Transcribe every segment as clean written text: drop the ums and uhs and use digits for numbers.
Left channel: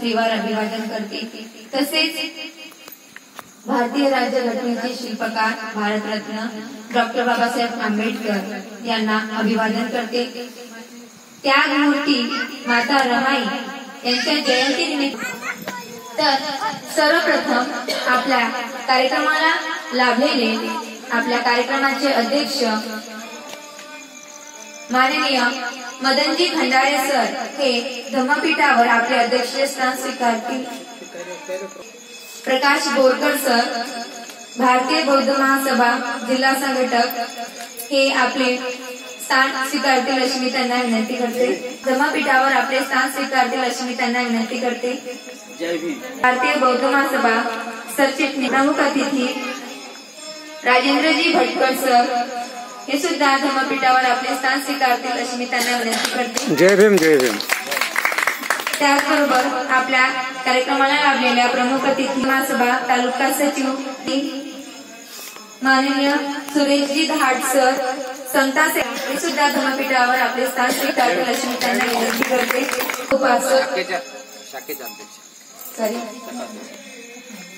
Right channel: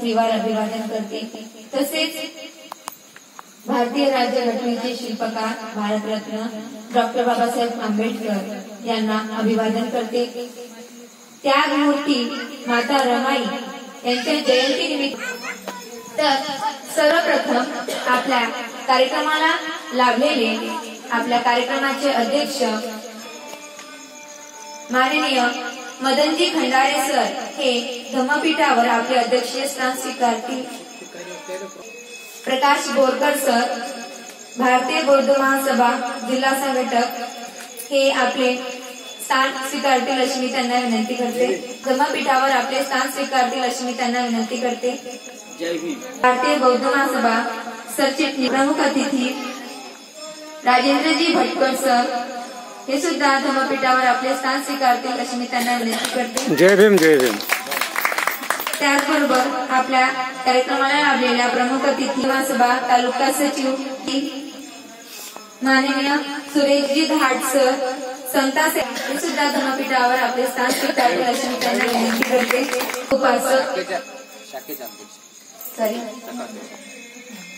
त्रिवार अभिवादन करते। तसेच भारतीय राज्यघटनेचे शिल्पकार भारतरत्न डॉक्टर बाबासाहेब आंबेडकर यांना अभिवादन करते। त्यागमूर्ती माता रमाई यांच्या जयंतीनिमित्त तर सर्वप्रथम आपल्या कार्यक्रमाला लाभलेले आपल्या कार्यक्रमाचे अध्यक्ष माननीय मदनजी खंडारे सर हे धम्मपीठावर आपले अध्यक्षीय स्थान स्वीकारतील। प्रकाश बोरकर सर भारतीय बौद्ध महासभा जिल्हा संघटक हे आपले स्थान स्वीकारतील अशी मी त्यांना विनंती करते। धम्मपीठावर आपले स्थान स्वीकारतील अशी मी त्यांना विनंती करते। भारतीय बौद्ध महासभा सरचिटणीस प्रमुख अतिथी राजेंद्रजी भटकर सर हे सुद्धा धम्मपीठावर आपले स्थान स्वीकारतील अशी मी त्यांना विनंती करते। जय भीम जय भीम। त्याचबरोबर आपल्या कार्यक्रमाला लाभलेल्या प्रमुख अतिथी महासभा तालुका सचिव माननीय सुरेशजी घाट सर समता हे सुद्धा धम्मपीठावर आपले स्थान स्वीकारतील अशी मी त्यांना विनंती करते। उपासक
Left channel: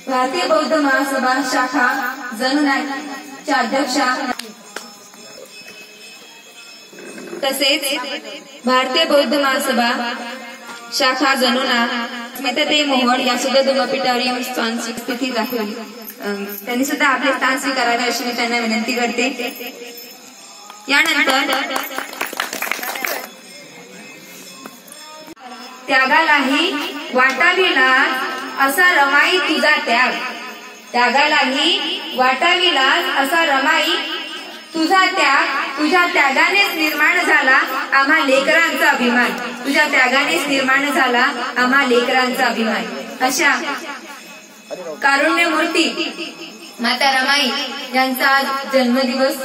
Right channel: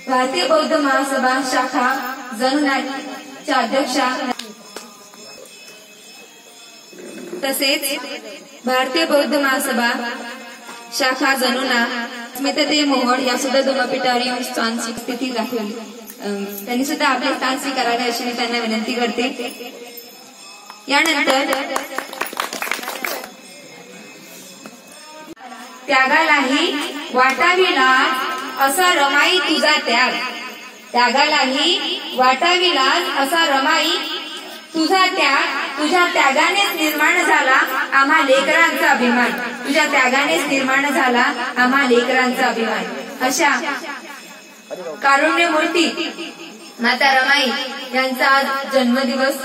भारतीय बौद्ध महासभा शाखा जनुनाच्या अध्यक्षा तसेच भारतीय बौद्ध महासभा शाखा जनुना स्मिताताई मोहोळ या सुद्धा धम्मपीठावर येऊन स्थान स्थिती दाखवली। त्यांनी सुद्धा आपले स्थान स्वीकारावे अशी मी त्यांना विनंती करते। यानंतर त्यागालाही वाटावी लाज असा रमाई तुझा त्याग, त्यागालाही वाटावी लाज असा रमाई तुझा त्याग, तुझ्या त्यागानेच निर्माण झाला आम्हा लेकरांचा अभिमान, तुझ्या त्यागानेच निर्माण झाला आम्हा लेकरांचा अभिमान। अशा कारुण्यमूर्ती माता रमाई यांचा आज जन्मदिवस,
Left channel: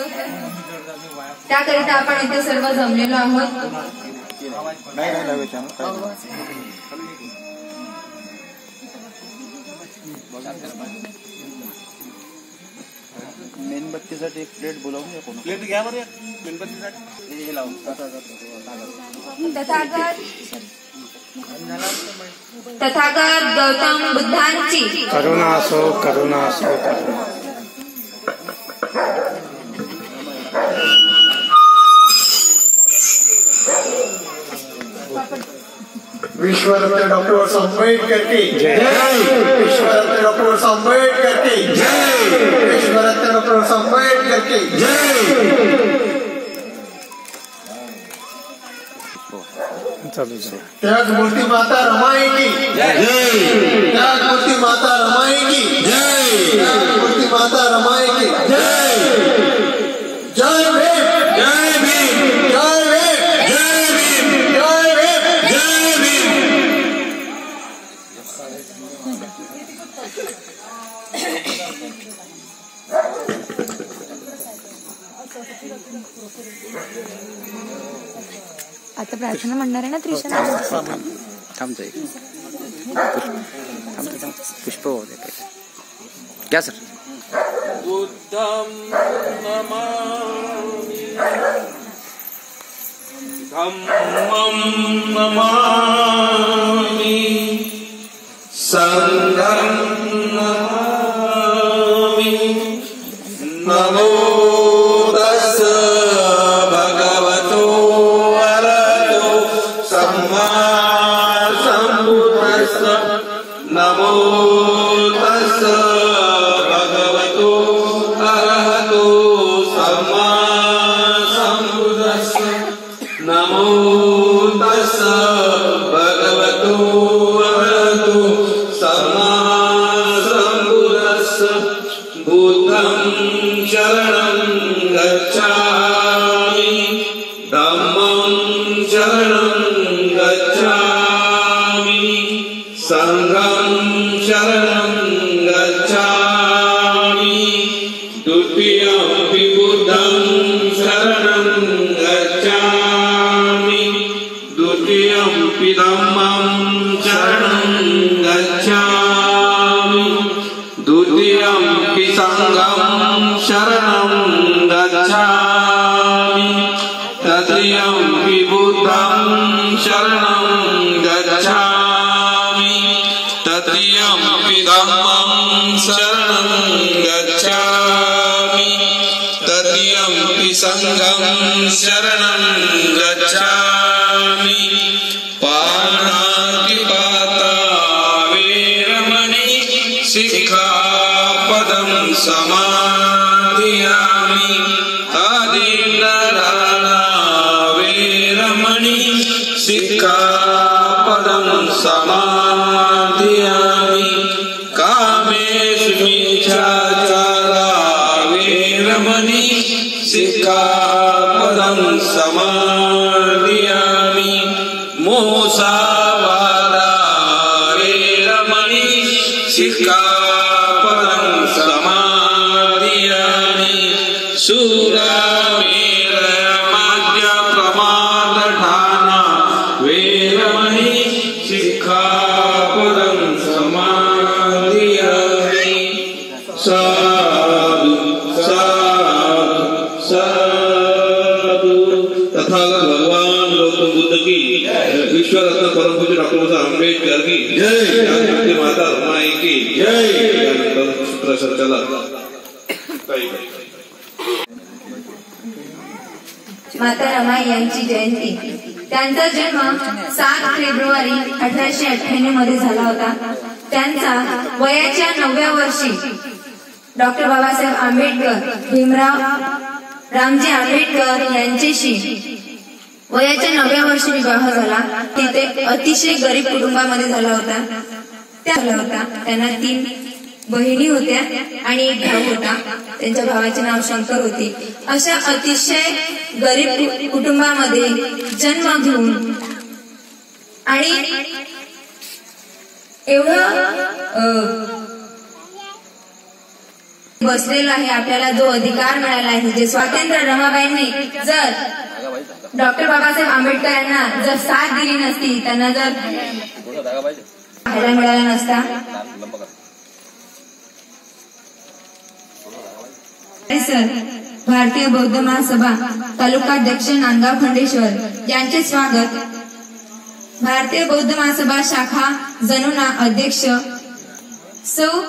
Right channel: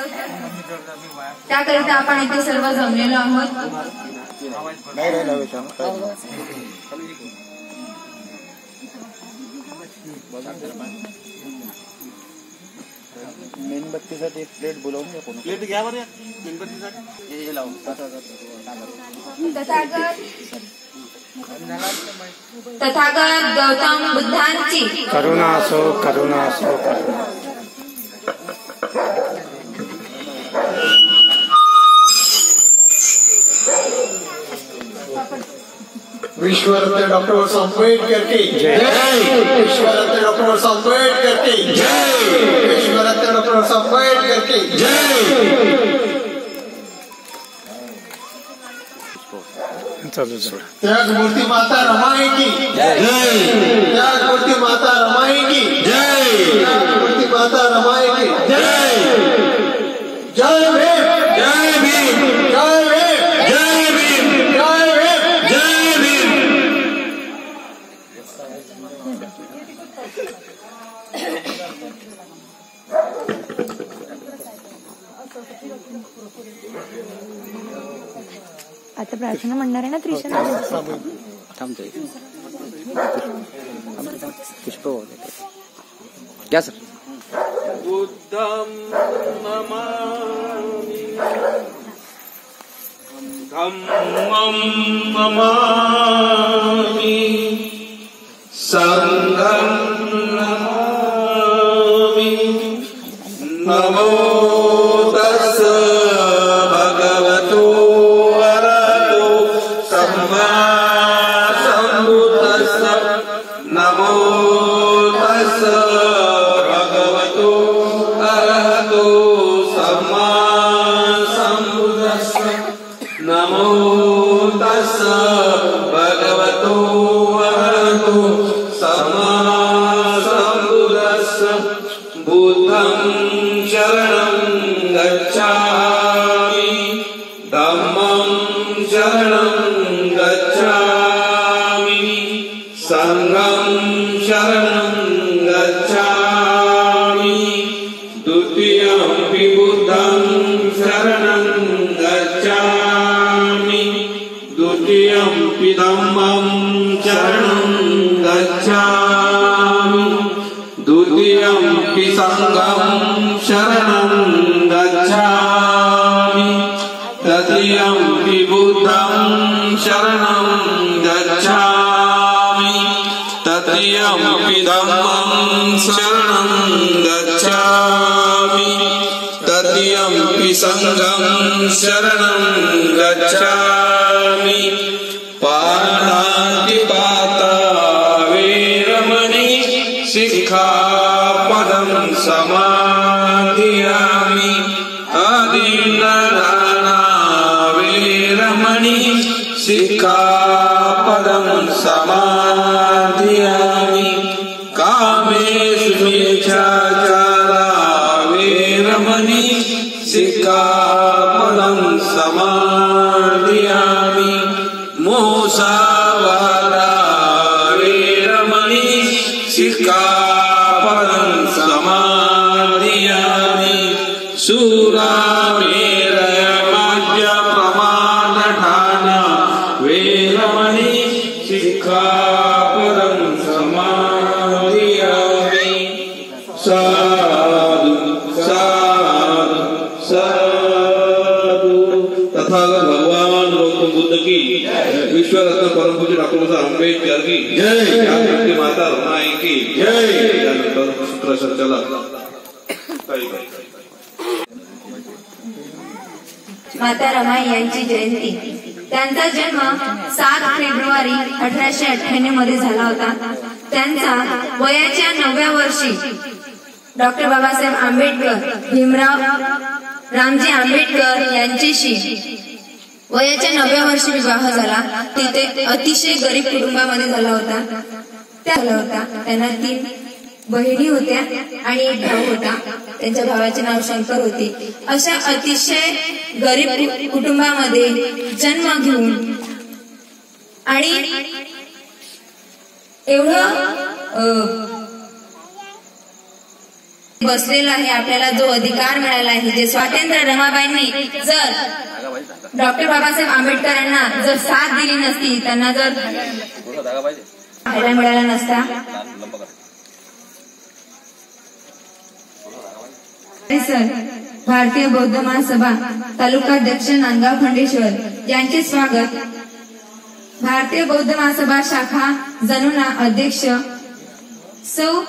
त्याकरिता आपण इथे सर्व जमलेलो आहोत। मेणबत्तीसाठी एक प्लेट बोलावून घ्या, कोण प्लेट घ्या बरं मेणबत्तीसाठी हे लावून। तथागत गौतम बुद्धांची करुणा असो करुणा असो करुणा। विश्वरत्न डॉक्टर आंबेडकर की जय, विश्वरत्न डॉक्टर आंबेडकर की जय, विश्वरत्न डॉक्टर आंबेडकर की जय। त्यागमूर्ती माता रमाई की जय, त्यागमूर्ती माता रमाई की जय, त्यागमूर्ती माता रमाई की जय। जय भीम जय भीम जय भीम जय भीम जय भीम जय भीम। आता प्रार्थना म्हणणार आहे ना त्रिशा? थांबतो एक पुष्प क्या सर? बुद्धं नमामि धम्मं नमामि संघं नमामि। नमो तस् भगवतो अरहतो सम्मा सम्बुद्धस्स। नमो तस् भगवतो अरहतो सम्मा सम्बुद्धस्स। नमो तस् भगवतो अरहतो सम्मा सम्बुद्धस्स। बुद्धं शरणं गच्छामि, धम्मं शरणं गच्छामि, संघं शरणं गच्छामि। द्वितीयमपि बुद्धं शरणं गच्छामि, द्वितीयमपि धम्मं शरणं गच्छामि, द्वितीयमपि संघं शरणं गच्छामि, तृतीयमपि बुद्धं शरणं गच्छामि, धम्मं शरणं गच्छामि तृतीयं संघं शरणं गच्छामि पाणातिपाता वेरमणि सिक्खापदं समादयामि आदिन्ददाना वेरमणि सिक्खापदं समादयामि कामेषु मिथ्याचारा वेरमणि सिक्खापदं समादयामि मोसावादा वेरमणि सिक्खापदं समादयामि सुरामेरमाद्यप्रमादठाना वेरमणि सिक्खापदं समादयामि साधु साधु साधु। तथागत भगवान गौतम बुद्ध की, ईश्वर रत्न परम पूज्य डॉक्टर बाबासाहेब आंबेडकर की जय, भारती माता रमाई की जय। त्यानंतर सूत्र संचालक माता रमाई यांची जयंती. त्यांचा जन्म 7 फेब्रुवारी 1898 मध्ये झाला होता. त्यांचा वयाच्या 9व्या वर्षी डॉक्टर बाबासाहेब आंबेडकर, भीमराव रामजी आंबेडकर यांच्याशी वयाच्या 9व्या वर्षी विवाह झाला. तिथे अतिशय गरीब कुटुंबामध्ये झाला होता. त्यांना 3 बहिणी होत्या आणि 1 भाऊ होता. त्यांच्या भावाचे नाव शंकर होते. अशा अतिशय गरीब कुटुंबामध्ये जन्म घेऊन आणि एवढं बसलेला आहे, आपल्याला जो अधिकार मिळाला आहे, जे स्वातंत्र्य रमाबाईंनी जर डॉक्टर बाबासाहेब आंबेडकर यांना जर साथ दिली नसती, त्यांना जर पाहायला मिळाला नसता. सर, भारतीय बौद्ध महासभा तालुकाध्यक्ष नांदगाव खंडेश्वर यांचे स्वागत. भारतीय बौद्ध महासभा शाखा जनुना अध्यक्ष सौ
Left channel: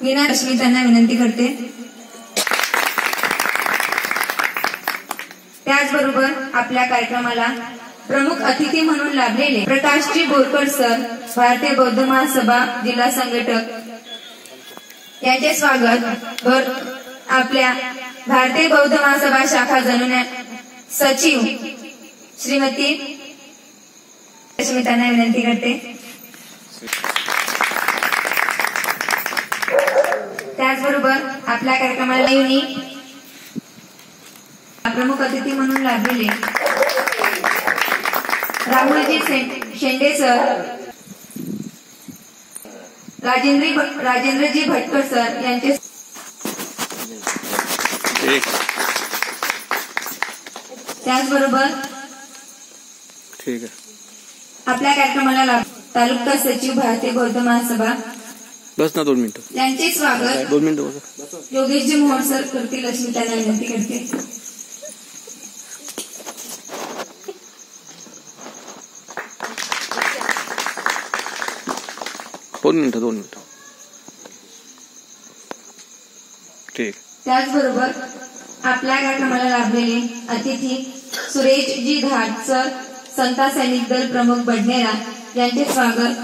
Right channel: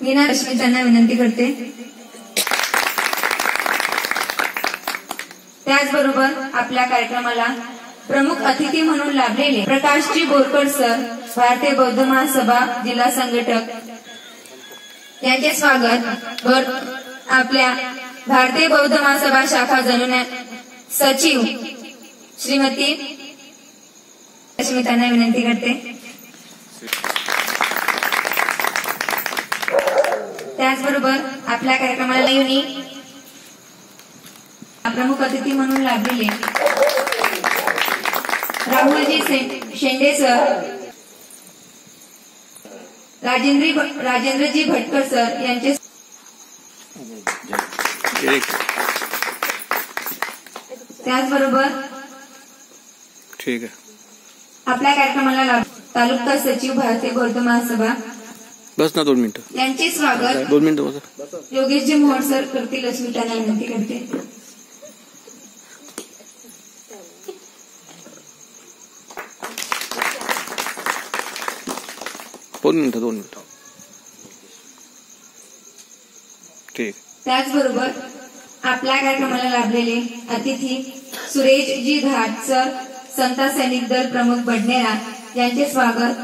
मीना रश्मी त्यांना विनंती करते. त्याचबरोबर आपल्या कार्यक्रमाला प्रमुख अतिथी म्हणून लाभलेले प्रकाशजी बोरकर सर, भारतीय बौद्ध महासभा जिल्हा संघटक यांचे स्वागत. आपल्या भारतीय बौद्ध महासभा शाखा जनुना सचिव श्रीमती रश्मी त्यांना विनंती करते. त्याचबरोबर आपल्या कार्यक्रमाला येऊन प्रमुख अतिथी म्हणून लाभलेले राहुलजी शेंडे सर, राजेंद्रजी भटकर सर यांचे त्याचबरोबर ठीक आहे. आपल्या कार्यक्रमाला तालुका सचिव भारतीय बौद्ध महासभा बस ना 2 मिनिटं. यांचे स्वागत 2 मिनिटं बसा. योगेशजी मोहोळ सर करतील अशी त्यांना विनंती करते. दोन मिनिटं. ठीक. त्याचबरोबर आपल्या कार्यक्रमाला लाभलेले अतिथी सुरेशजी धाट सर, संता सैनिक दल प्रमुख बडनेरा यांचे स्वागत.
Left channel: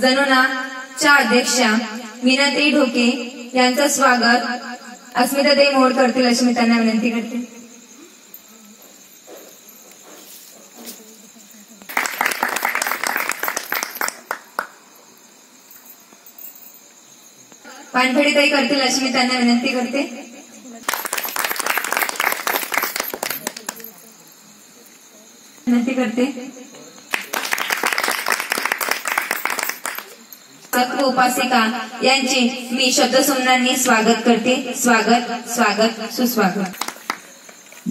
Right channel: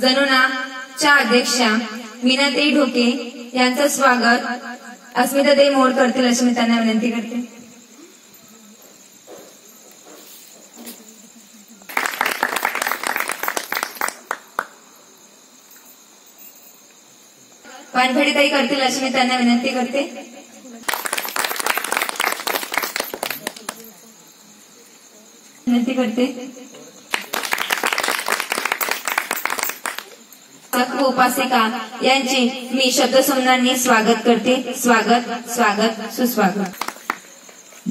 जनुनाच्या अध्यक्षा मीनाताई ढोके यांचं स्वागत अस्मिताताई मोड करतील अशी मी त्यांना विनंती करते. पानफडीताई करतील अशी मी त्यांना विनंती करते. उपासिका यांचे मी शब्दसंज्ञांनी स्वागत करते. स्वागत स्वागत सुस्वागत.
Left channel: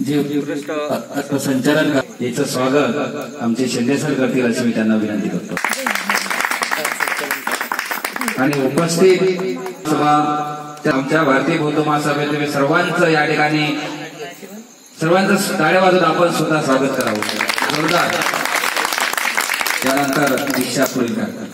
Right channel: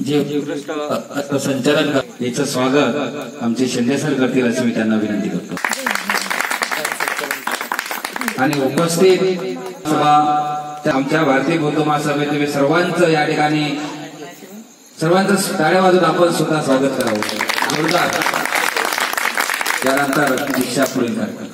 जे उत्कृष्ट संचालन याचं स्वागत आमचे शेंडे सर करतील अशी मी त्यांना विनंती करतो. आणि उपस्थित आमच्या भारतीय बौद्ध महासभेतले सर्वांचं या ठिकाणी सर्वांचं टाळ्या वाजवून आपण सुद्धा स्वागत करावं जोरदार. त्यानंतर दीक्षा पुढील कार्यक्रम.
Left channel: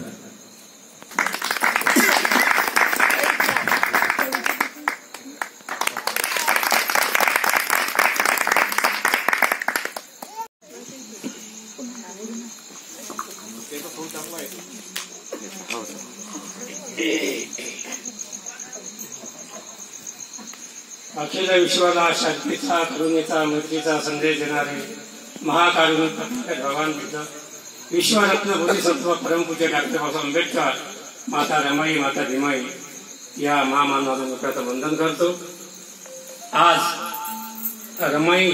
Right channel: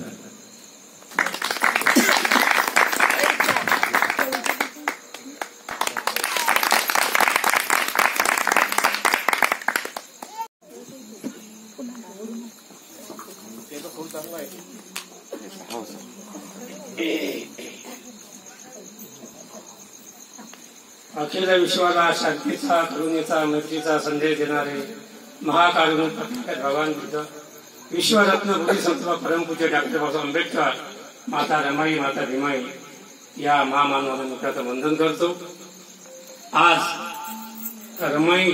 अखिल विश्वाला शांतीचा, करुणेचा, मैत्रीचा संदेश देणारे महाकारुणिक भगवान बुद्ध, विश्वरत्न बोधिसत्व परमपूज्य डॉक्टर बाबासाहेब आंबेडकर, माता रमाई, माता भीमाई या महामानवाला मुखाचं वंदन करतो. आज रमाई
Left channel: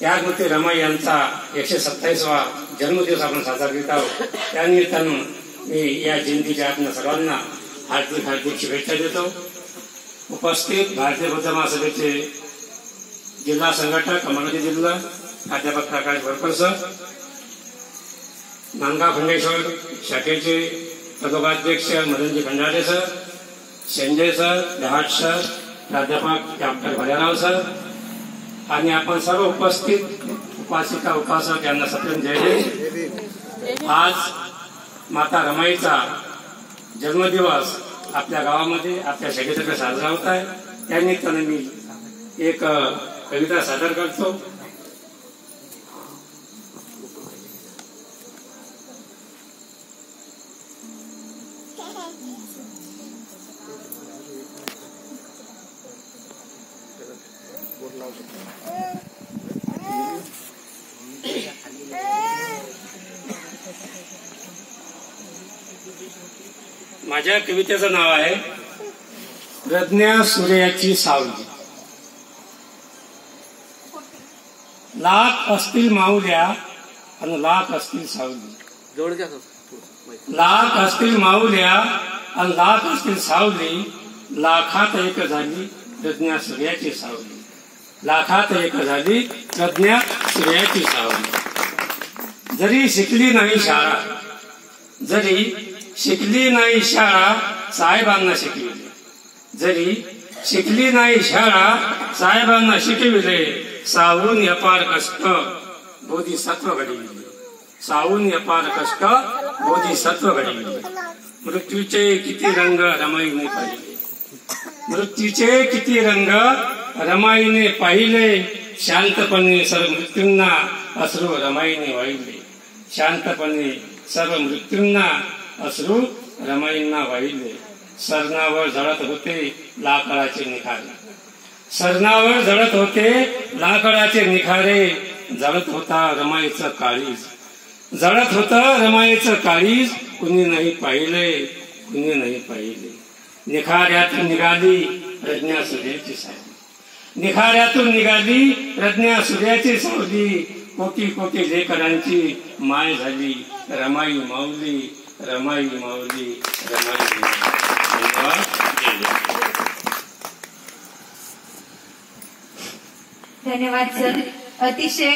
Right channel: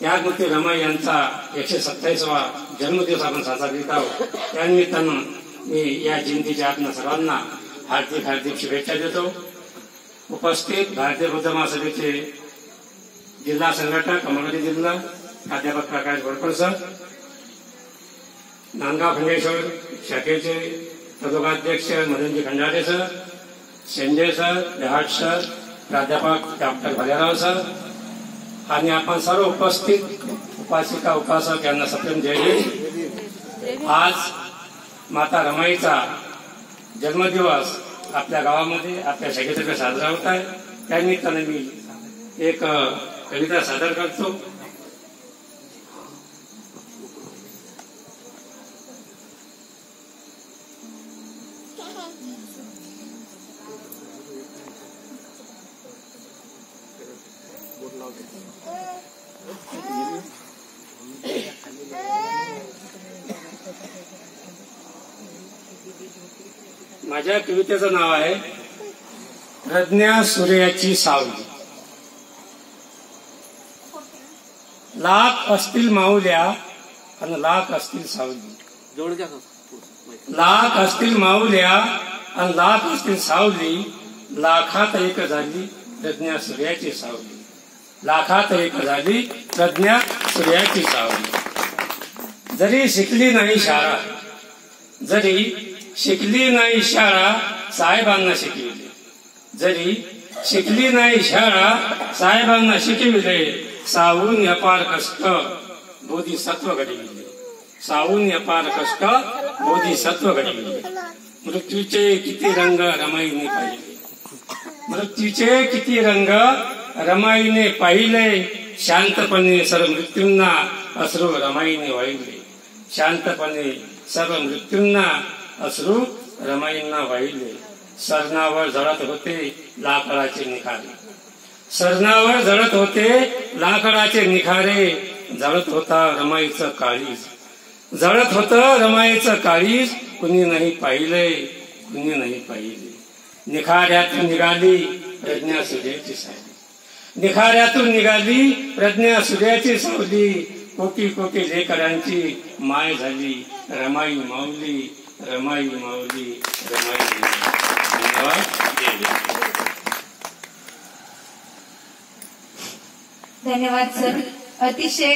त्यागमती रमाई यांचा 127वा जन्मदिवस आपण साजरा करीत आहोत. त्यानिमित्तानं मी या जयंतीच्या आत्मा सर्वांना हार्दिक हार्दिक शुभेच्छा देतो. उपस्थित भारतीय बौद्ध महासभेचे जिल्हा संघटक अमरावती जिल्हा प्राध्यापक प्रकाश बोरकर सर, नांदगाव खंडेश्वर शाखेचे पदोपाध्यक्ष मदनजी खंडाटे सर, शेंडे सर, जहाज सर, प्राध्यापक डॉक्टर भलेराव सर आणि आपण सर्व उपस्थित उपासिका उपासक यांना सप्रेम जय. आज माता रमाईचा जन्मदिवस आपल्या गावामध्ये आपल्या शाखेतर्फे साजरा होत आहे. त्यानिमित्ताने मी एक कविता सादर करतो. माझ्या कवितेचं नाव आहे प्रज्ञा सूर्याची सावली. लाख असतील माऊल्या आणि लाख असतील सावली, लाख असतील माऊल्या आणि लाख असतील सावली, लाखात एक झाली प्रज्ञा सूर्याची सावली, लाखात एक झाली प्रज्ञा सूर्याची सावली. जरी शिकली नाही शाळा, जरी शिकली नाही शाळा साहेबांना शिकविले, जरी शिकली नाही शाळा साहेबांना शिकविले, सावून अपार कष्ट बोधिसत्व घडविले, सावून अपार कष्ट बोधिसत्व घडविले. मृत्यूचे किती रंग रमाईने पाहिले, मृत्यूचे किती रंग रमाईने पाहिले, शांतपणे सर्व मृत्यूंना अश्रू रमाईने वाहिले, शांतपणे सर्व मृत्यूंना अश्रू रमाईंना वाहिले. सरणावर जळत होते लाकडाचे निखारे, सरणावर जळत होते लाकडाचे निखारे, जळत होता रमाईचं काळीज, जळत होतं रमाईचं काळीज, कुणी नाही पाहिले, कुणी नाही पाहिले. निखाऱ्यातून निघाली प्रज्ञा सूर्याची सावली, निखाऱ्यातून निघाली प्रज्ञा सूर्याची सावली, कोटी कोटी लेकरांची माय झाली रमाई माऊली, रमाई माऊली, रमाई माऊली. धन्यवाद सर. अतिशय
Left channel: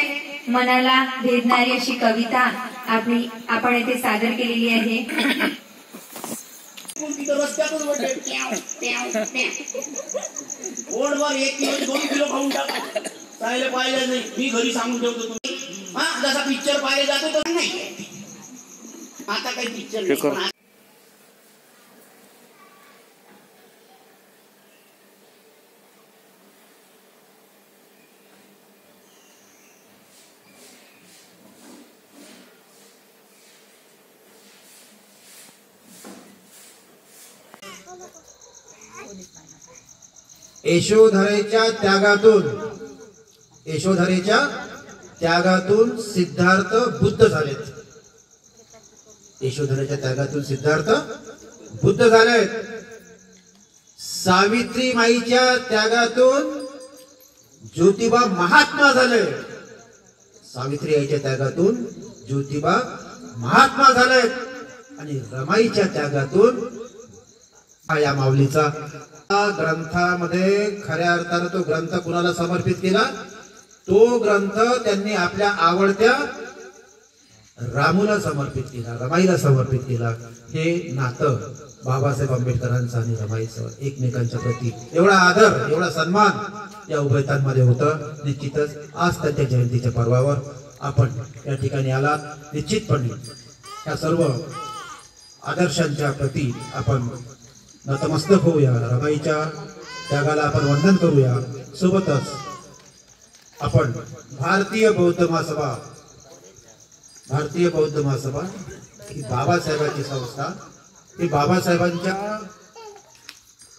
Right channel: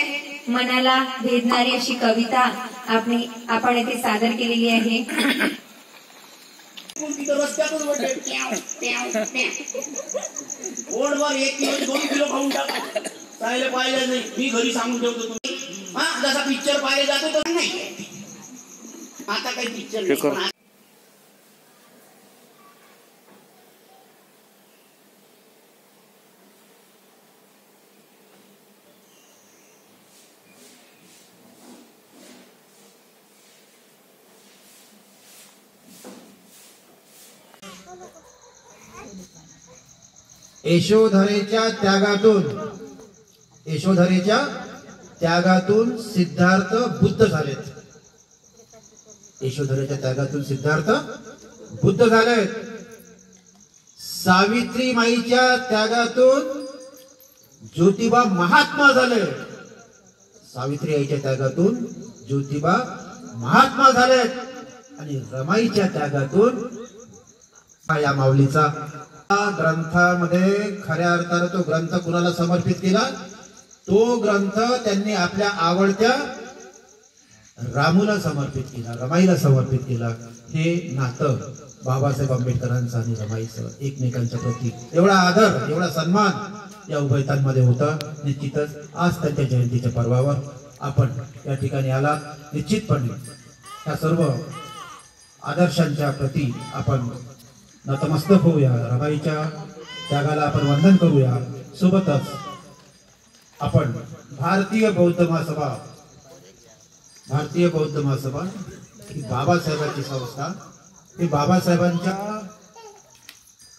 मनाला भेदणारी अशी कविता आपण येथे सादर केलेली आहे. रस्त्यातून रोडवर 1 किलो 2 किलो खाऊन टाका, पाहिलं पाहिलं नाही. मी घरी सांगून ठेवतो तुम्ही जसा पिक्चर पाहिले जातो तर नाही. आता काही पिक्चर नाही. यशोधरेच्या त्यागातून सिद्धार्थ बुद्ध झालेत. यशोधरेच्या त्यागातून सिद्धार्थ बुद्ध झालेत. सावित्रीमाईच्या त्यागातून ज्योतिबा महात्मा झाले. सावित्री आईच्या त्यागातून ज्योतिबा महात्मा झालेत. आणि रमाईच्या त्यागातून या माऊलीचा ग्रंथामध्ये खऱ्या अर्थानं तो ग्रंथ कुणाला समर्पित केला, तो ग्रंथ त्यांनी आपल्या आवडत्या रामूला समर्पित केला, रमाईला समर्पित केला. हे नातं बाबासाहेब आंबेडकरांचं आणि रमाईचं एकमेकांच्या प्रती एवढा आदर, एवढा सन्मान या उभयतांमध्ये होतं. निश्चितच आज त्यांच्या जयंतीच्या पर्वावर आपण या ठिकाणी आला. निश्चितपणे या सर्व आदर्शांच्या प्रती आपण नतमस्तक होऊया. रमाईच्या त्यागाला आपण वंदन करूया. सोबतच आपण भारतीय बौद्ध महासभा ही बाबासाहेबांची संस्था, ती बाबासाहेबांच्या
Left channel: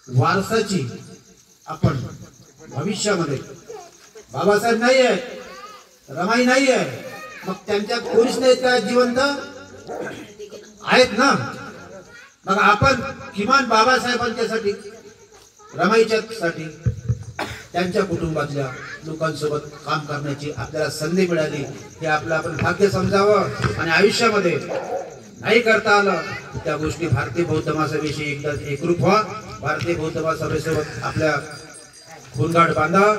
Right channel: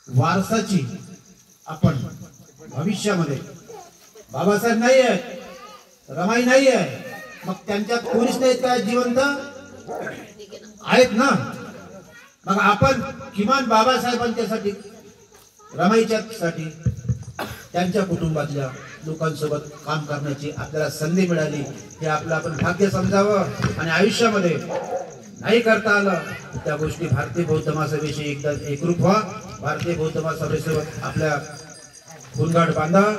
वारसाची आपण भविष्यामध्ये, बाबासाहेब नाही आहे, रमाई नाही आहे, मग त्यांच्यात कोणीच नाहीत काय जिवंत आहेत ना. मग आपण किमान बाबासाहेबांच्यासाठी, रमाईच्या साठी, त्यांच्या कुटुंबातल्या लोकांसोबत काम करण्याची आपल्याला संधी मिळाली. हे आपलं आपण भाग्य समजावं. आणि आयुष्यामध्ये नाही करता आलं त्या गोष्टी भारतीय बौद्ध महासभेशी एकदा एकरूप व्हा. भारतीय बौद्ध महासभेसोबत आपल्या खूनगाठ बांधा,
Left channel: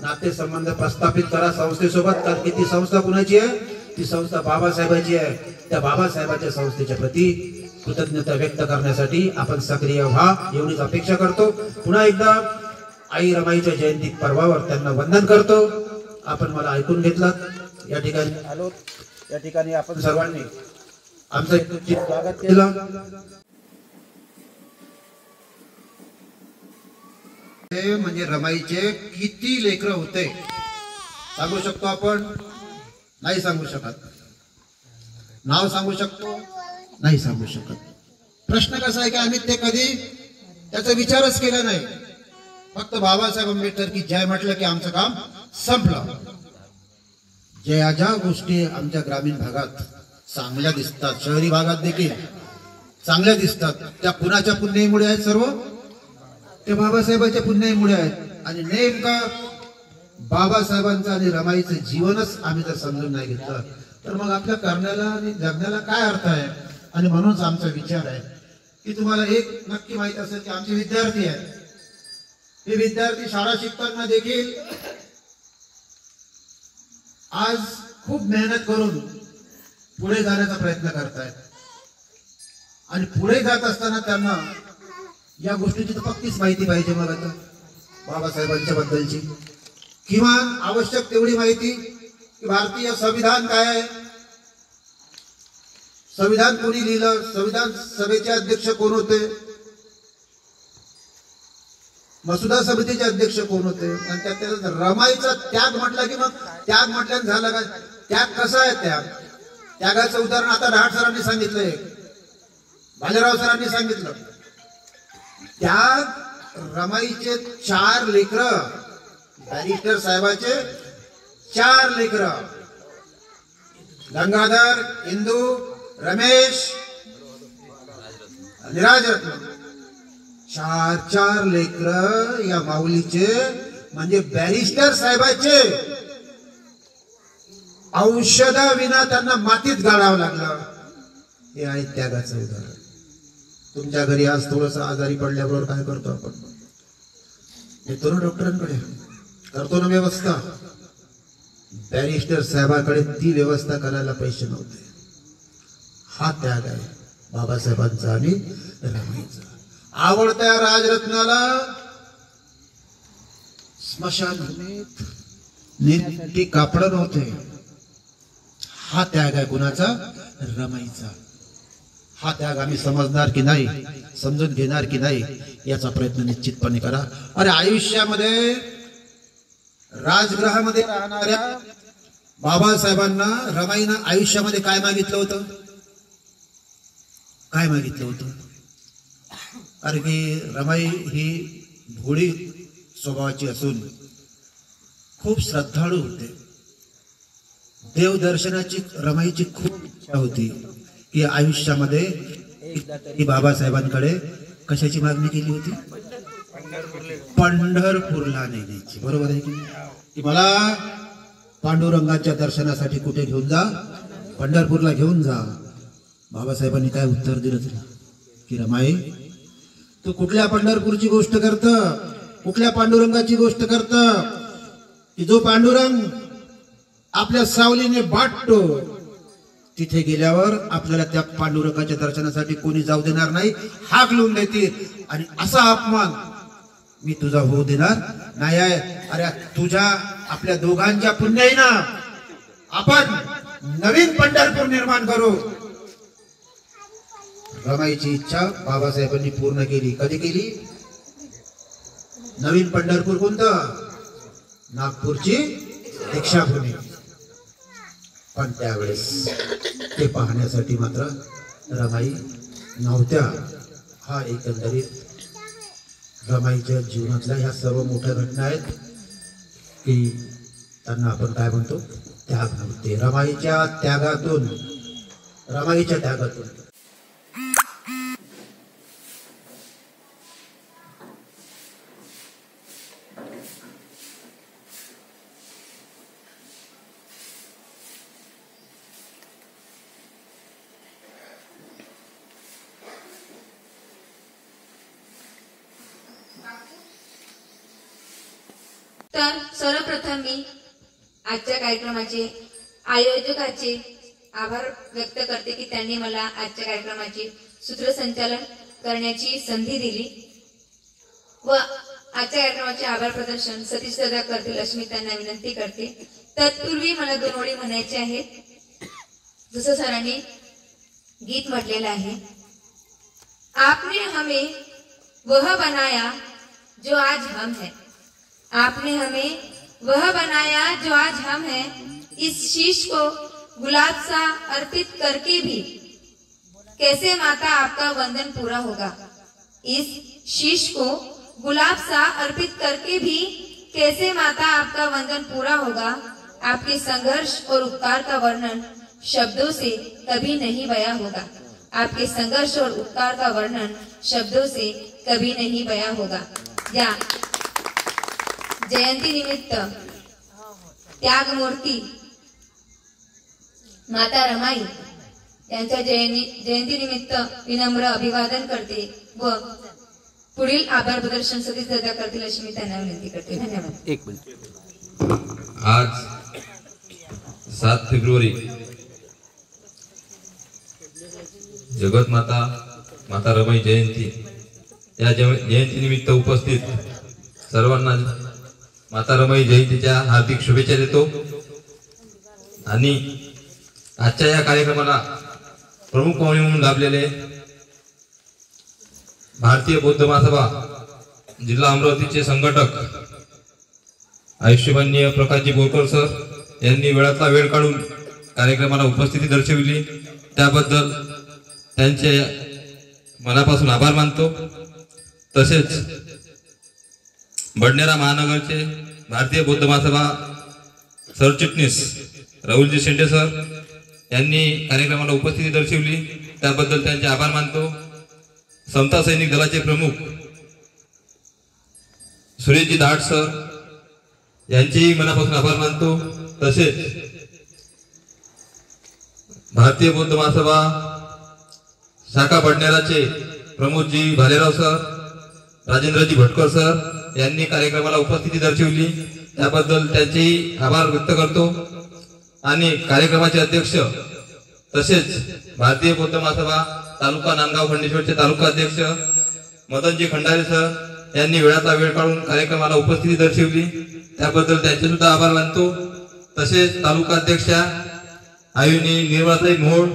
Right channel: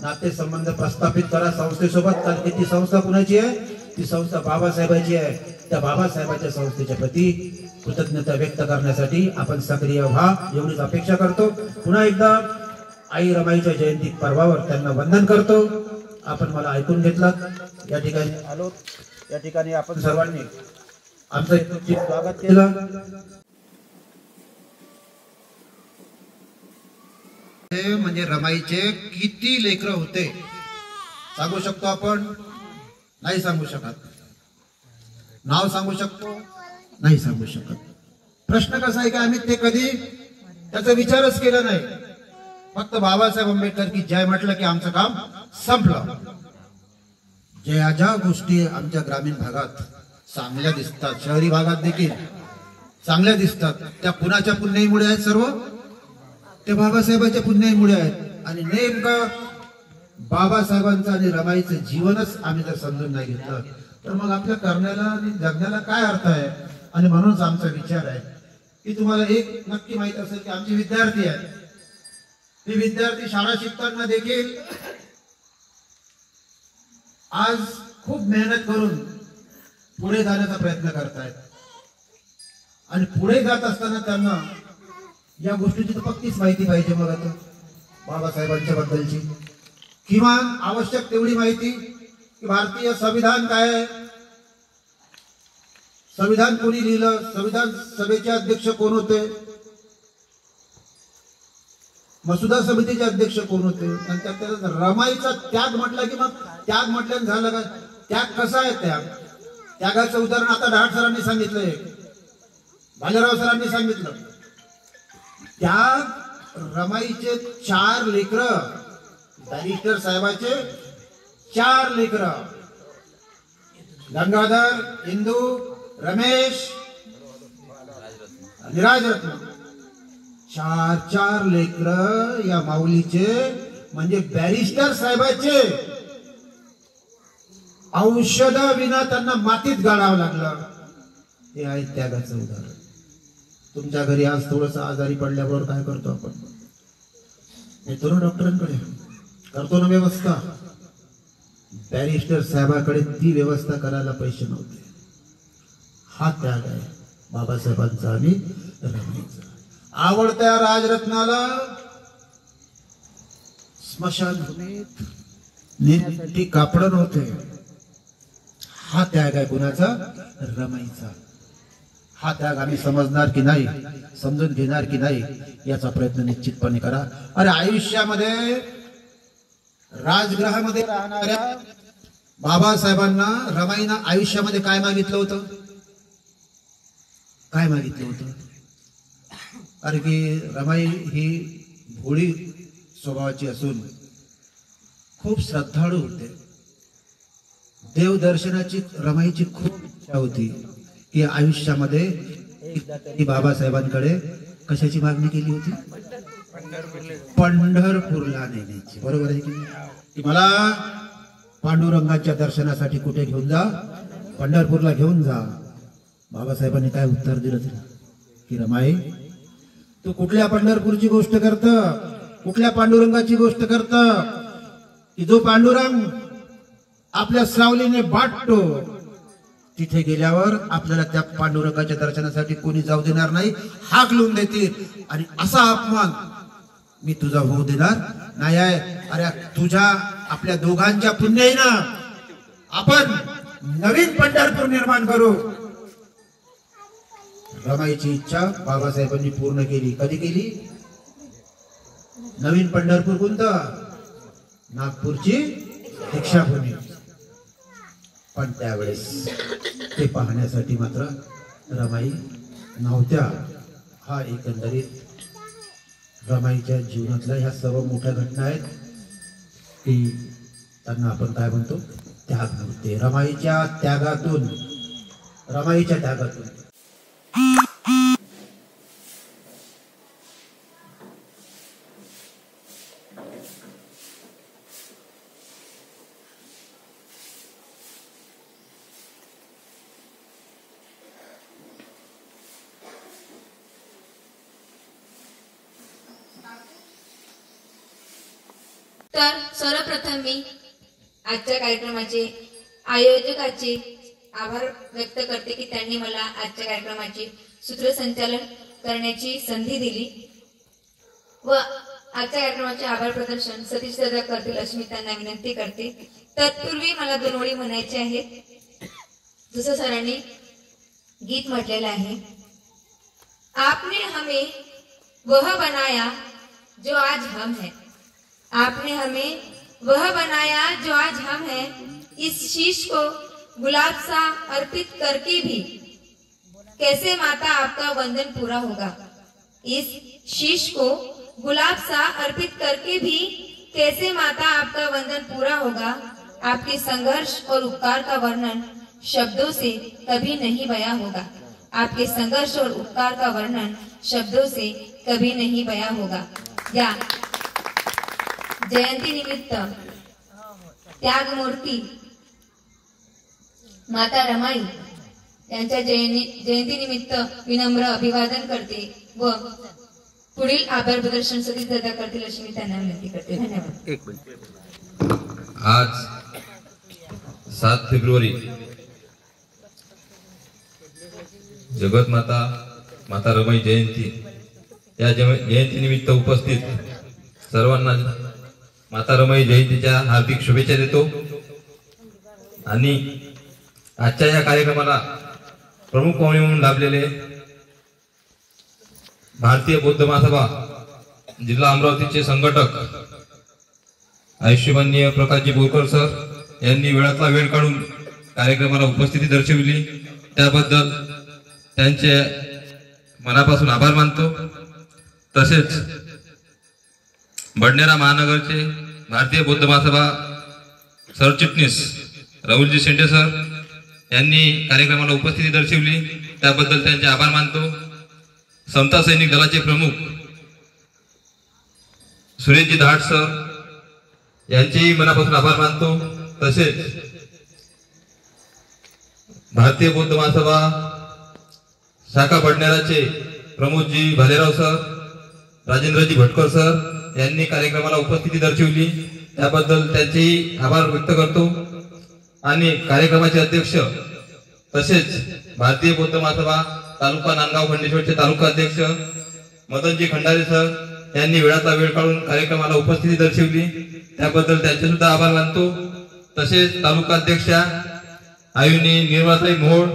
नातेसंबंध प्रस्थापित करा संस्थेसोबत. कारण की ती संस्था कुणाची आहे? ती संस्था बाबासाहेबांची आहे. त्या बाबासाहेबांच्या संस्थेच्या प्रती कृतज्ञता व्यक्त करण्यासाठी आपण सक्रिय व्हा, एवढीच अपेक्षा करतो. पुन्हा एकदा आई रमाईच्या जयंती पर्वावर त्यांना वंदन करतो. आपण मला ऐकून घेतलात. या ठिकाणी आलो, या ठिकाणी आपण सर्वांनी आमचं स्वागत केलं. म्हणजे रमाईचे किती लेकरं होते सांगू शकतो आपण? नाही सांगू शकत. नाव सांगू शकतो? नाही सांगू शकत. प्रश्न कसा आहे का आम्ही ते कधी त्याचा विचारच केला नाही. फक्त बाबासाहेब आंबेडकर की जय म्हटलं की आमचं काम संपलं. ज्या गोष्टी आमच्या ग्रामीण भागात चांगल्या दिसतात, शहरी भागात देखील चांगल्या दिसतात, त्या कुणाच्या पुण्याईमुळे आहेत? सर्व ते बाबासाहेबांच्या पुण्याईमुळे आहेत. आणि नेमका बाबासाहेबांचं आणि रमाईचं जीवनच आम्ही जर समजून नाही घेतलं तर मग आपल्या करण्याला आणि जगण्याला काय अर्थ आहे? आणि म्हणूनच आमचा विचार आहे की तुम्हाला एक नक्की माहित असेल की आमचे विद्यार्थी आहेत. हे विद्यार्थी शाळा शिकताना देखील आज खूप मेहनत करून पुढे जाण्याचा प्रयत्न करतायत. आणि पुढे जात असताना त्यांना या गोष्टीची तर पक्कीच माहिती पाहिजे. मग आता बाबासाहेबांच्या बद्दलची किमान आवश्यक तेवढी माहिती की भारतीय संविधान काय आहे, संविधान कोणी लिहिलं, संविधान सभेचे अध्यक्ष कोण होते, मसुदा समितीचे अध्यक्ष कोण होते, आणि त्यात रमाईचा त्याग म्हटला की मग त्याग म्हटल्यानं झालं काय? त्याग कसा आहे? त्यागाचं उदाहरण आता ढाट सरांनी सांगितलंय, भालेराव सरांनी सांगितलं. त्याग रमाईचे 4 लेकरं, बॅरिस्टर साहेबाचे 4 लेकरं, गंगाधर, इंदू, रमेश आणि राजरत्न, 4 लेकरं या माऊलीचे, म्हणजे बॅरिस्टर साहेबाचे औषध विना त्यांना मातीत गाडावं लागलं. हे आहे त्यागाचं उदाहरण. तुमच्या घरी आज थोडस आजारी पडल्याबरोबर काय करतो आपण? येतो ना डॉक्टरांकडे, करतो ना व्यवस्था. बॅरिस्टर साहेबाकडे ती व्यवस्था करायला पैसे नव्हते. हा त्याग आहे बाबासाहेबांचा आणि रमाईचा. आवडत्या राजरत्नाला स्मशानभूमीत नेण्यासाठी कापड नव्हते. हा त्याग आहे कुणाचा? रमाईचा. हा त्याग आम्ही समजणार की नाही, समजून घेणार की नाही, याचा प्रयत्न निश्चितपणे करा. अरे आयुष्यामध्ये राजगृहामध्ये राहणाऱ्या बाबासाहेबांना रमाईनं आयुष्यामध्ये काय मागितलं होतं? काय मागितलं होतं? कारण की रमाई ही भोळी स्वभावाची असून खूप श्रद्धाळू होते. देवदर्शनाची रमाईची खूप इच्छा होती की आयुष्यामध्ये एकदा तरी बाबासाहेबांकडे कशाची मागणी केली होती? पंढरपूरला नेण्याची. बरोबर आहे की मला पांडुरंगाच्या दर्शनासाठी कुठे घेऊन जा? पंढरपूरला घेऊन जा. बाबासाहेबांनी काय उत्तर दिलं तुला? की रमाई, तू कुठल्या पंढरपूरची गोष्ट करत, कुठल्या पांडुरंगाची गोष्ट करत? की जो पांडुरंग आपल्या सावलीने बाटतो, तिथे गेल्यावर आपल्याला त्या पांडुरंगाच्या दर्शनासाठी कोणी जाऊ देणार नाही, हाकलून देतील. आणि असा अपमान मी तुझा होऊ देणार नाही आहे. अरे तुझ्या आपल्या दोघांच्या पुण्याईनं आपण नवीन पंढरपूर निर्माण करू. रमाईची इच्छा बाबासाहेबांनी पूर्ण केली. कधी केली? नवीन पंढरपूर कोणतं? नागपूरची दीक्षाभूमी. पण त्यावेळेस ते पाहण्यासाठी मात्र रमाई नव्हत्या. हा एकंदरीत रमाईच्या जीवनातल्या ह्या सर्व मोठ्या घटना आहेत की त्यांना आपण काय म्हणतो? त्याग नव्हते. रमाईच्या त्यागातून तर सर्वप्रथम मी आजच्या कार्यक्रमाचे आयोजकाचे आभार व्यक्त करते की त्यांनी मला आजच्या कार्यक्रमाचे सूत्रसंचालन करण्याची संधी दिली व आजच्या कार्यक्रमाचे आभार प्रदर्शन सतीश दादा करतील अशी मी त्यांना विनंती करते. तत्पूर्वी मला 2 ओळी म्हणायचे आहेत. जसं सरांनी गीत म्हटलेलं आहे, आपने हमें वह बनाया जो आज हम है. आपने हमें वह बनाया जो आज हम हैं. इस शीश को गुलाब सा अर्पित करके भी कैसे माता आपका वंदन पूरा होगा. इस शीश को गुलाब सा अर्पित करके भी कैसे माता आपका वंदन पूरा होगा. आपके संघर्ष और उपकार का वर्णन शब्दों से कभी नहीं बयां होगा. आपके संघर्ष और उपकार का वर्णन शब्दों से कभी नहीं बयां होगा. या जयंती निमित्त त्यागमूर्ती माता रमाई यांच्या जयंती निमित्त विनम्र अभिवादन करते व पुढील आभार प्रदर्शन सतीश दादा करतील अशी मी त्यांना विनंती करते. धन्यवाद. आज 7 फेब्रुवारी जगतमाता माता रमाई जयंती या जयंती निमित्त उपस्थित सर्वांना माता रमाई जयंतीच्या हार्दिक शुभेच्छा देतो. आणि आजच्या या कार्यक्रमाला प्रमुख पाहुणे म्हणून लाभलेले भारतीय बौद्ध महासभा जिल्हा अमरावतीचे संघटक आयुष्यमान्य प्रकाशजी बोरकर सर यांनी वेळातला वेळ काढून कार्यक्रमाला उपस्थिती दर्शविली त्याबद्दल त्यांचे मनापासून आभार मानतो. तसेच बडनेरा महानगरचे भारतीय बौद्ध महासभा सरचिटणीस राहुलजी शेंडे सर यांनी कार्यक्रमाला उपस्थिती दर्शवली त्याबद्दल त्यांचे आभार मानतो. समता सैनिक दलाचे प्रमुख सुरेशजी धाट सर यांचेही मनापासून आभार मानतो. तसेच भारतीय बौद्ध महासभा शाखा बडनेराचे प्रमोदजी भालेराव सर, राजेंद्रजी भटकर सर यांनी कार्यक्रमाला उपस्थिती दर्शवली त्याबद्दल त्यांचेही आभार व्यक्त करतो. आणि कार्यक्रमाचे अध्यक्ष तसेच भारतीय बौद्ध महासभा तालुका नांदगाव खंडेश्वरचे तालुका अध्यक्ष मदनजी खंडारे सर यांनी वेळाचा वेळ काढून कार्यक्रमाला उपस्थिती दर्शवली त्याबद्दल त्यांचे सुद्धा आभार मानतो. तसेच तालुका अध्यक्षा आयुनी निर्मलाताई मोहोळ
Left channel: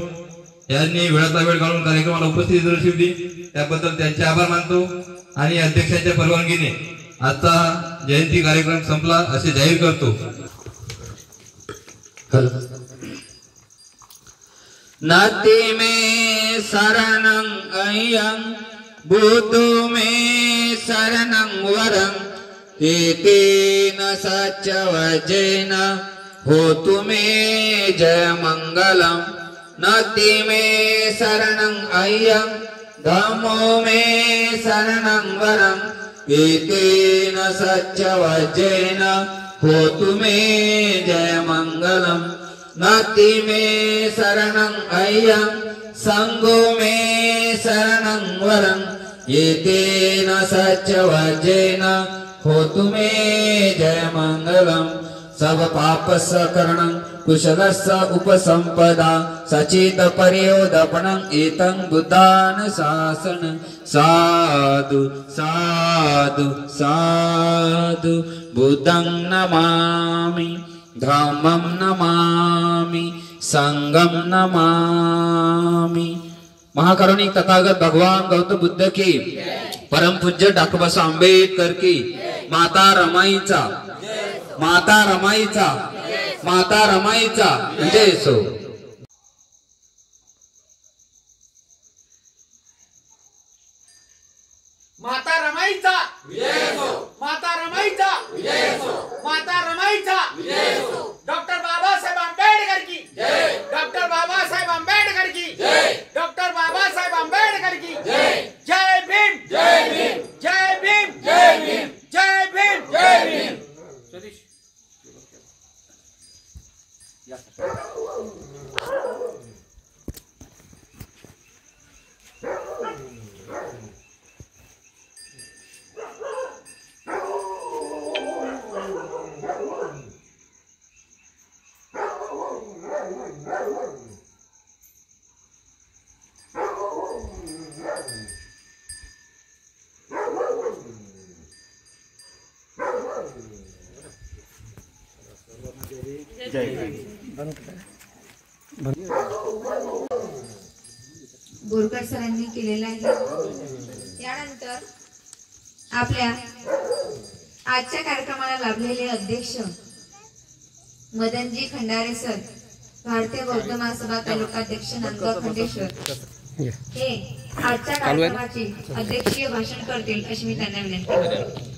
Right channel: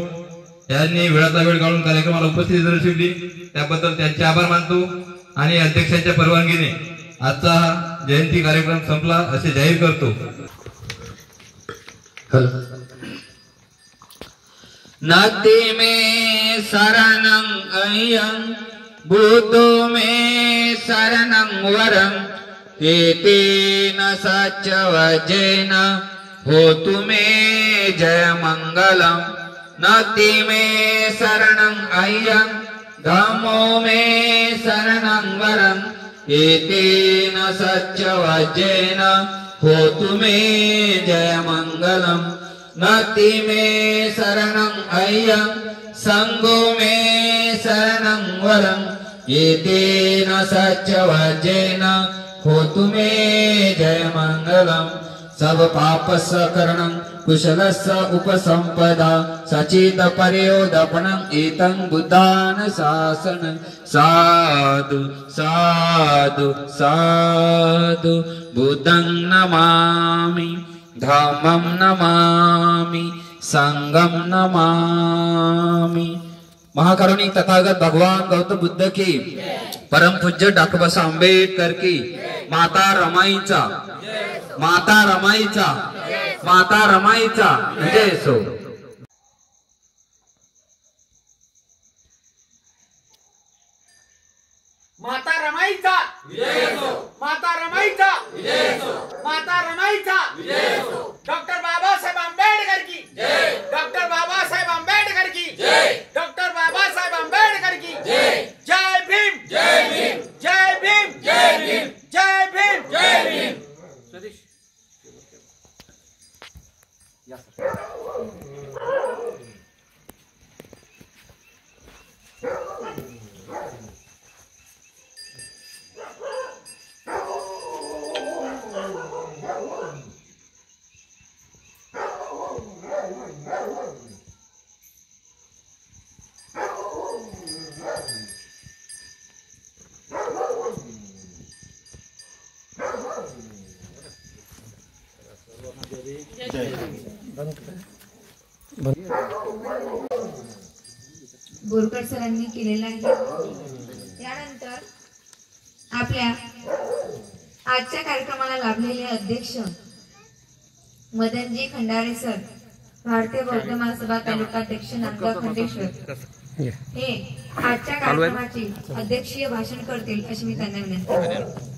यांनी वेळाचा वेळ काढून कार्यक्रमाला उपस्थिती दर्शवली त्याबद्दल त्यांचे आभार मानतो. आणि अध्यक्षाच्या परवानगीने आजचा जयंती कार्यक्रम संपला असे जाहीर करतो. नदी में शरणं अयं भूतो में शरणं वरं एतेन सच्चवचेन होतु मे जय मंगलम. नदी में शरणं अयं धम्मो में शरणं वरं एतेन सच्चवचेन होतु मे जय मंगलम. नदी में शरणं अयं संगो में शरणं वरं एतेन सच्चवचेन होतु मे जय मंगलम. सब पाप सकरणं कुशलस्य उपसंपदा सचित पर्योदपनं एतं बुद्धान शासनं साधु साधु साधु बुद्धं नमामि धम्मं नमामि संगम नमामि। महाकरुणिक तथागत भगवान गौतम बुद्ध की, परम पूज्य डॉक्टर बाबासाहेब आंबेडकर की, माता रमाईचा माता रमाईचा माता रमाईचा विजय असो। माता रमाईचा विजय असो। माता रमाईचा विजय असो। माता रमाईचा विजय असो। डॉक्टर बाबासाहेब आंबेडकर की जय। डॉक्टर बाबासाहेब आंबेडकर की जय। डॉक्टर बाबासाहेब आंबेडकर की जय। जय भीम जय भीम जय भीम जय भीम जय भीम जय भीम। बोरकर सरांनी केलेला आहे। त्यानंतर आपल्या आजच्या कार्यक्रमाला लाभलेले अध्यक्ष मदनजी खंडारे सर, भारतीय बौद्ध महासभा तालुकाध्यक्ष नांदगाव खंडेश्वर, हे आजच्या कार्यक्रमाचे अध्यक्षीय भाषण करतील अशी मी त्यांना विनंती करते।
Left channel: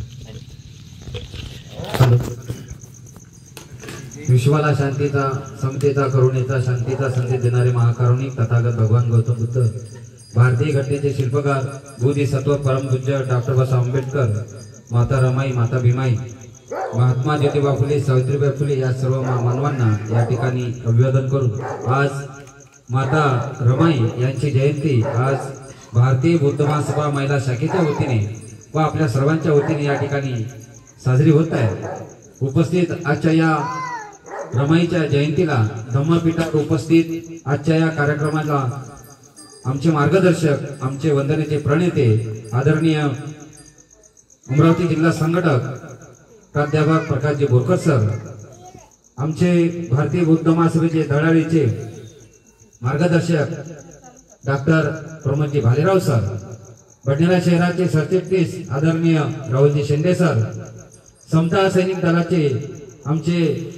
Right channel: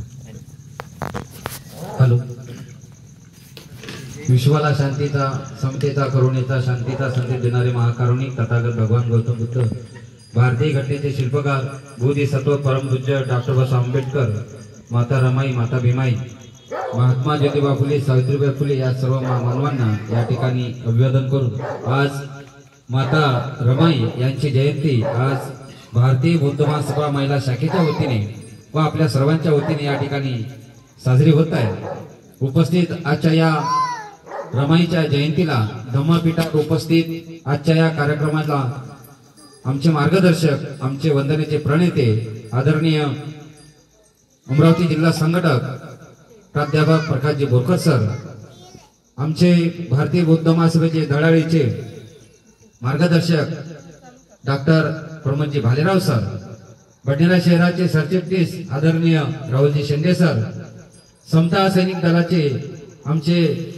विश्वाला शांतीचा, समतेचा, करुणेचा, शांतीचा संदेश देणारे महाकारुणिक तथागत भगवान गौतम बुद्ध, भारतीय घटनेचे शिल्पकार बोधिसत्व परमपूज्य डॉक्टर बाबासाहेब आंबेडकर, माता रमाई, माता भीमाई, महात्मा ज्योतिबा फुले, सावित्रीबाई फुले या सर्व मानवांना या ठिकाणी अभिवादन करून आज माता रमाई यांची जयंती आज भारतीय बौद्ध महासभा महिला शाखेच्या वतीने व आपल्या सर्वांच्या वतीने या ठिकाणी साजरी होत आहे। उपस्थित आजच्या या रमाईच्या जयंतीला धम्मपीठात उपस्थित आजच्या या कार्यक्रमाला आमचे मार्गदर्शक, आमचे वंदनेचे प्रणेते आदरणीय अमरावती जिल्हा संघटक प्राध्यापक प्रकाशजी बोरकर सर, आमचे भारतीय बौद्ध महासभेचे दळाळीचे मार्गदर्शक डॉक्टर प्रमोदजी भालेराव सर, बडनेरा शहराचे सरचिटणीस आदरणीय राहुलजी शेंडे सर, समता सैनिक दलाचे आमचे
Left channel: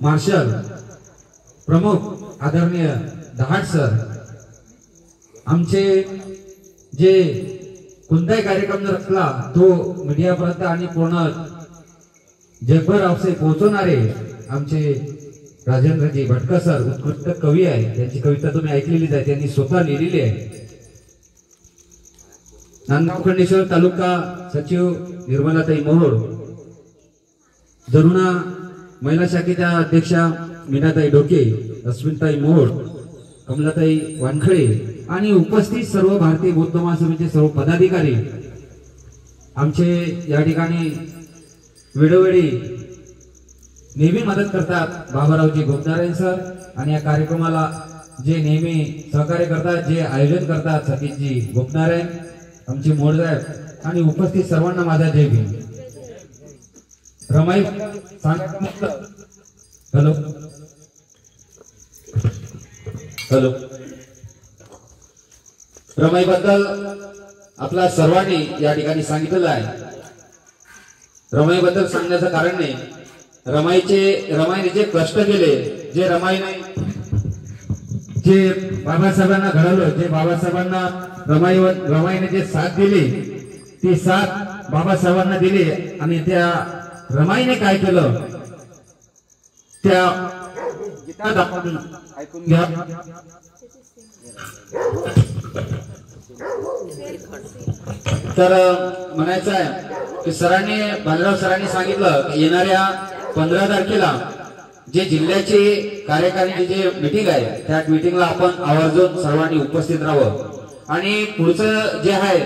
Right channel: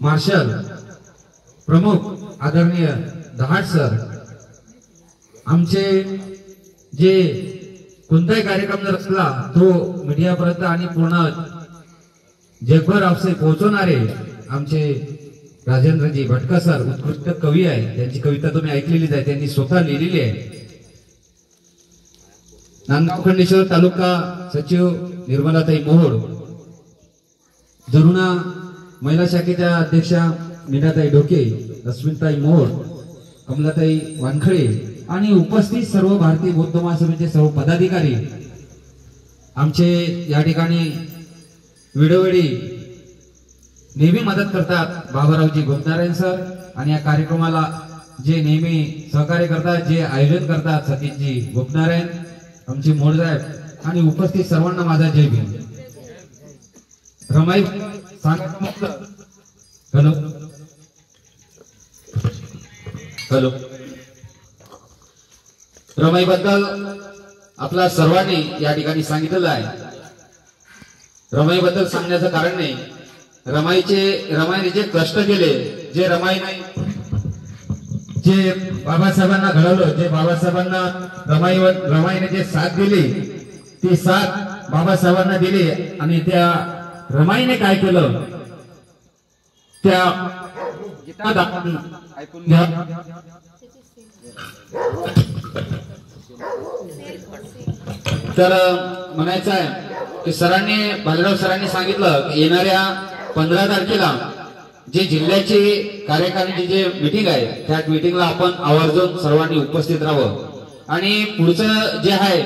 मार्शल प्रमुख आदरणीय दहाड सर, आमचे जे कोणताही कार्यक्रम जर असला तो मीडियापर्यंत आणि पूर्ण जगभर आपसे पोहोचवणारे आमचे राजेंद्रजी भटकर सर, उत्कृष्ट कवी आहे, त्यांची कविता तुम्ही ऐकलेलीच आहे, त्यांनी स्वतः लिहिलेली आहे। नांदगाव खंडेश्वर तालुका सचिव निर्मलाताई मोहोळ, जरुणा महिला शाखेच्या अध्यक्षा मीनाताई डोके, रश्मिताई मोहोळ, कमलाताई वानखळे आणि उपस्थित सर्व भारतीय बौद्ध महासभेचे सर्व पदाधिकारी आमचे या ठिकाणी वेळोवेळी नेहमी मदत करतात। बाबारावजी गोपनारायण सर आणि या कार्यक्रमाला जे नेहमी सहकार्य करतात, जे आयोजन करतात, सतीशजी गोपनारायण, आमचे मोडसाहेब आणि उपस्थित सर्वांना माझा जय भीम। रमाई हॅलो हॅलो रमाई बद्दल आपला सर्वांनी या ठिकाणी सांगितलेलं आहे। रमाई बद्दल सांगण्याचं कारण नाही, रमाईने जे कष्ट केले, जे रमाईने जे बाबासाहेबांना घडवलं, जे बाबासाहेबांना रमाईने जे साथ दिली, ती साथ बाबासाहेबांना दिली आणि त्या रमाईने काय केलं त्या ऐकून घ्या। तर म्हणायचं आहे की सरांनी, भालेराव सरांनी सांगितलं की येणाऱ्या 15 तारखेला जे जिल्ह्याची कार्यकारिणीची जे मीटिंग आहे त्या मीटिंगला आपण आवर्जून सर्वांनी उपस्थित राहावं आणि पुढचं जे आहे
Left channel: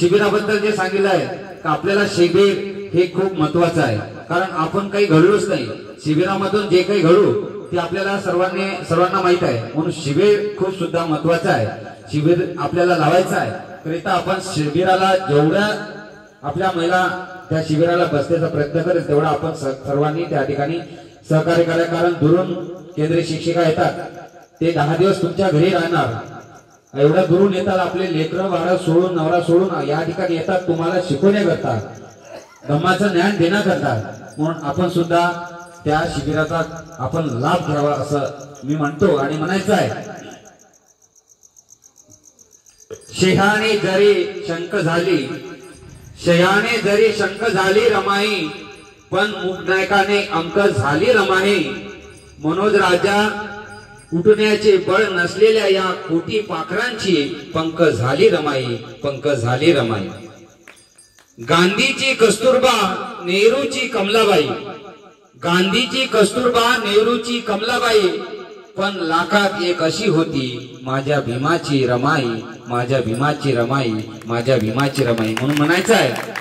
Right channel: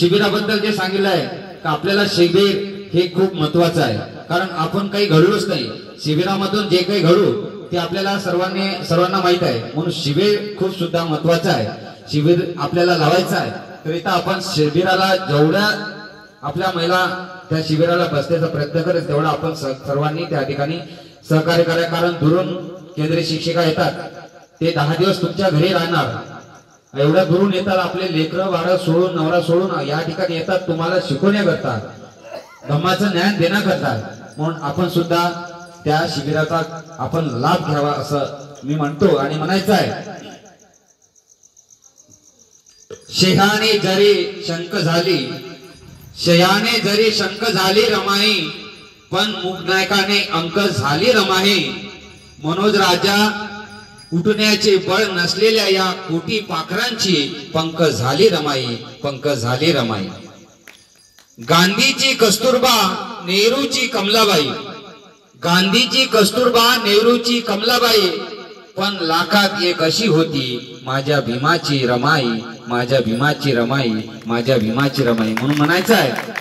शिबिराबद्दल जे सांगितलं आहे की आपल्याला शिबिर हे खूप महत्वाचं आहे, कारण आपण काही घडलोच नाही. शिबिरामधून जे काही घडू ते आपल्याला सर्वांना माहित आहे. म्हणून शिबिर खूप सुद्धा महत्वाचं आहे. शिबिर आपल्याला लावायचं आहे. करिता आपण शिबिराला जेवढ्या आपल्या महिला त्या शिबिराला बसण्याचा प्रयत्न करेल तेवढा आपण सर्वांनी त्या ठिकाणी सहकार्य करा. कारण दुरून केंद्रीय शिक्षिका येतात, ते 10 दिवस तुमच्या घरी राहणार. एवढ्या दुरून येतात, आपले लेकरं बाळं सोडून नवरा सोडून या ठिकाणी येतात तुम्हाला शिकवण्या करतात, धम्माचं ज्ञान देणं करतात. म्हणून आपण सुद्धा त्या शिबिराचा आपण लाभ घ्यावा असं मी म्हणतो आणि म्हणायचं आहे. शेहाने जरी शंक झाली, शयाने जरी शंक झाली रमाई, पण मुखनायकाने अंक झाली रमाई. मनोज राजा उठण्याचे बळ नसलेल्या या कोटी पाखरांची पंख झाली रमाई, पंख झाली रमाई. गांधीची कस्तुरबा नेहरूची कमलाबाई, गांधीची कस्तुरबा नेहरूची कमलाबाई, पण लाखात एक अशी होती माझ्या भीमाची रमाई, माझ्या भीमाची रमाई, माझ्या भीमाची रमाई. म्हणून म्हणायचं आहे.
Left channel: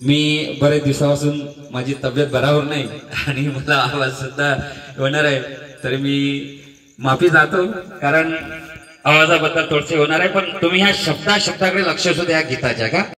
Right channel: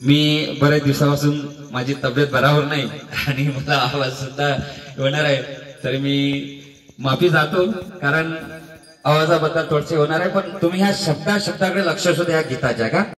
मी बरेच दिवसापासून माझी तब्येत बराबर नाही आणि मला आवाज सुद्धा होणार आहे, तर मी माफी जातो कारण आवाजाबद्दल थोडसे होणार आहे. पण तुम्ही ह्या शब्दाकडे लक्ष असू द्या गीताच्या का.